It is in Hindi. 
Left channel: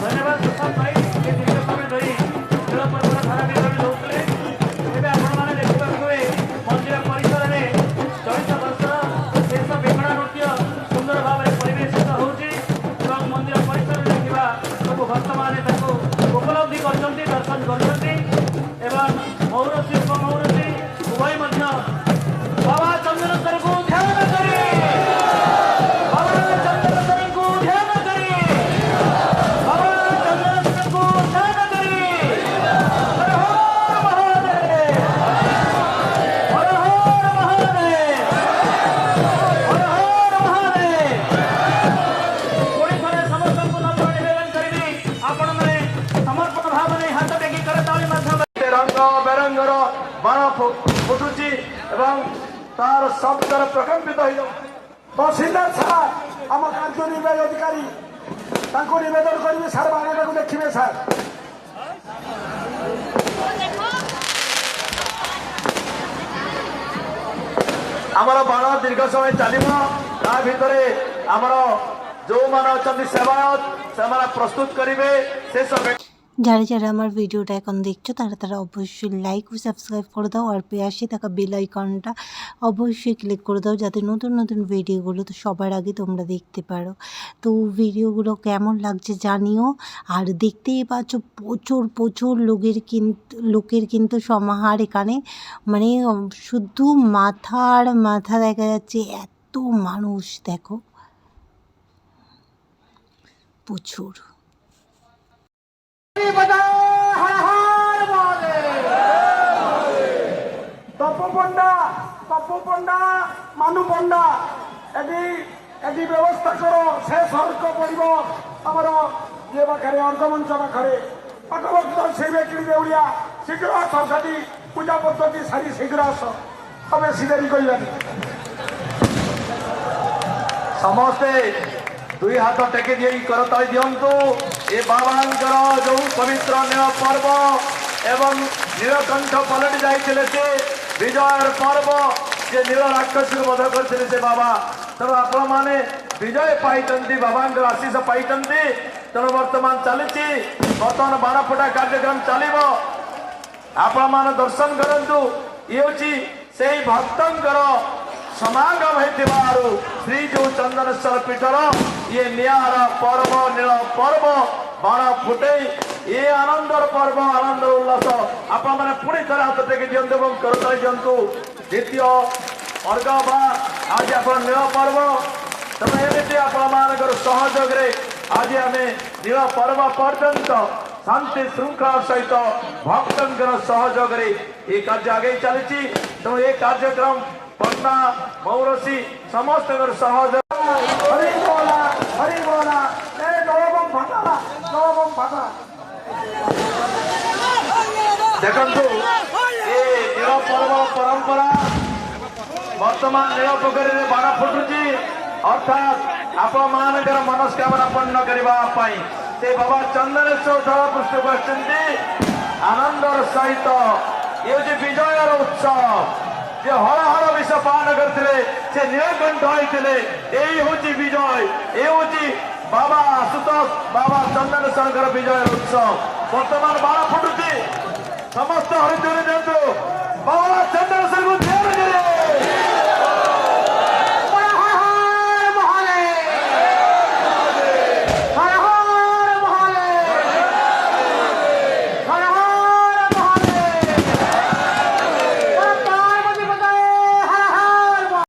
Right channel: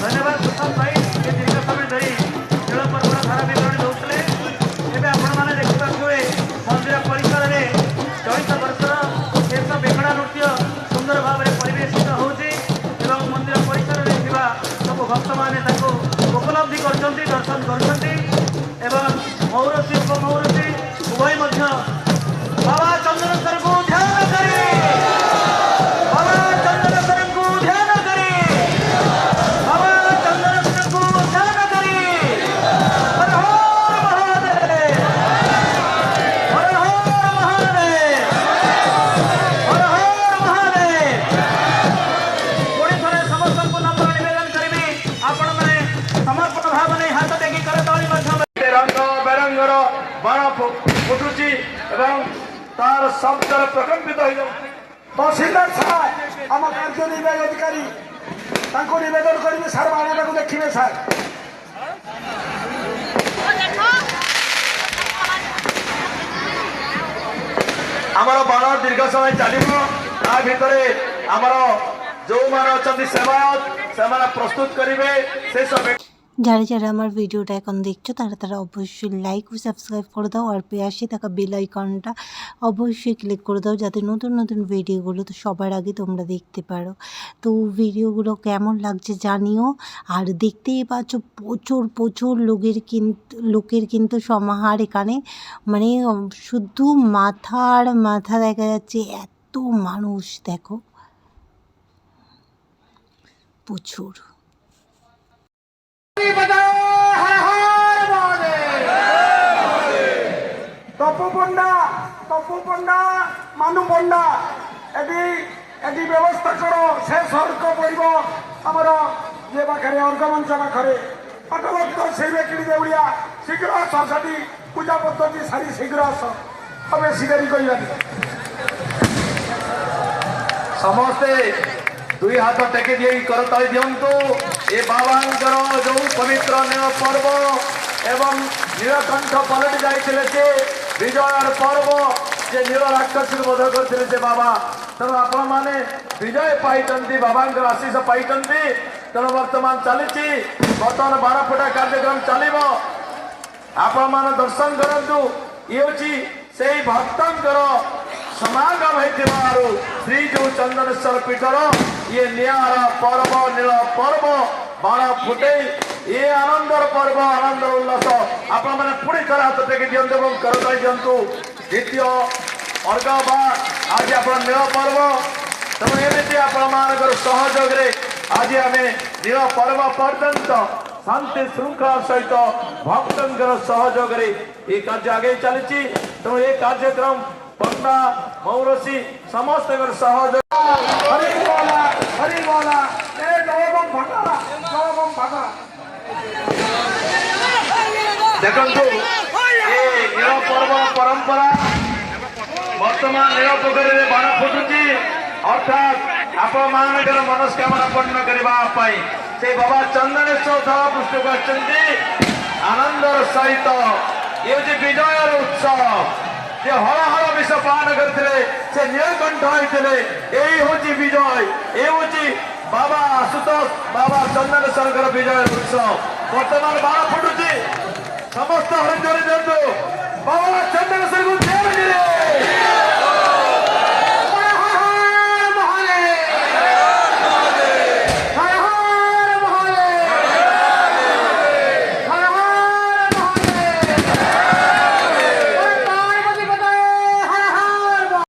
धन्यवाद प्रसाद भाई दीर्घ समय धरी खेल पर्वर धारा विवरण दौले एवं आपण देखा मंदिर परिसर में चलित वर्षर शेष बेखड़ा नृत्य सुंदर भाव में परिवेशित होची मंदिर परिसर में सब भक्त मैंने उपलब्धि कर दर्शन कर मौरसी उपमौरसी उभय बाबा चंद्रेश्वर को ध्यान करे बाबा चंद्रेश्वर को ध्यान करे बाबा चंद्रेश्वर को ध्यान करे हर हर महादेव हर हर महादेव हर हर महादेव पुणी थे समस्त को नम्र निवेदन करी आपण मैंने समर्पण भाव नहीं हाथ टेकी करताली रंग बेरंगर बाण फुटुची तार शब्द प्रकम्पित हो तहसीलदार साहब आम कार्यनिर्वाही अधिकारी निवेदन करेंगे सार बाण को देखिए सार आमर बाण दीर्घ समय चलो ता भितर आमर जो मान सेवायत से प्रस्तुत करेंगे से समय যারা যারা আমার ভিডিওটা এখন দেখছো তারা তারা অবশ্যই লাইক ও সাবস্ক্রাইব করে দাও আর পাশে থাকা বেল আইকনটা অবশ্যই ক্লিক করে দাও যাতে নতুন নতুন ভিডিওগুলো তো সবার আগে তোমরা দেখতে পারো। তো ভিডিওগুলো কেমন লাগছে জানিও। আর দেখতেই পাচ্ছ প্রচুর প্রচুর লোকের কিন্তু সমাহার এখানে, মানে শুধু মাথা দেখা যাচ্ছে, এত মানুষ দেখো প্রচুর। মানু পଣ୍ଡা এটি ব্যবস্থা করো সে সর্ক পড়ব আমার যে পাখে অর্ঘমঞ্চ পাখে পাঠভক্ত সেই ব্যক্তি দেউড়িয়া শীঘ্র আস সেটি পূজা পদ্ধতি সারি শীঘ্র আস তবে শিকারি করবেন समस्ते दुई हाथ टेक करताली दिंतु ये बाबा जो पवित्र पर्व एवं नीलकंठ पलटि जाते विजय पर्व जे नील राक्षस बोध करते बाबा तेणु आपण मैंने विजय पाई बाबा आशीष पाई तेणु बर्तमान चली बर्तमान 12 फुटा कार्यक्रम चलो आपण मैंने दर्शन करूँ ये से भक्तर समागम हो श्री जो चंदनेश्वर पीठर ये निरा पर्व नील पर्व बाण फुटे ये आनंदर पर्व आनंदर उल्लास आपण मैंने पुणी थोड़ा हाथ टेक दिंतु करता दिंतु द्वितीय अर्घ आज आप नील पर्व तेणु एमती आपर सहयोग आज आम नील पर्व पर्यंत शांति श्रृंखला सहित भक्तर सहयोग ये कार्य आगे चली तेणु ये कार्यक्रम पंडा मौरसी समस्त सहयोग देखु ये नील पर्व परंपरा वर्तमान नील पोखरी में बाण फुटुची अर्थात आपण मानकर मनस्कामना पूर्ण करने से बाबा चंदनेश्वर थल पुष्ट कर आनंदर सहित ये विजय उत्सव जे हर हर विष पान करते से नीलकंठ होते यही हूँ विजय ये हूँ बाबा आशुतोष बाबा चंदनेश्वर विजय उत्सव वर्तमान बाण फुटुची समस्त हरिद्वार बाबा चंदनेश्वर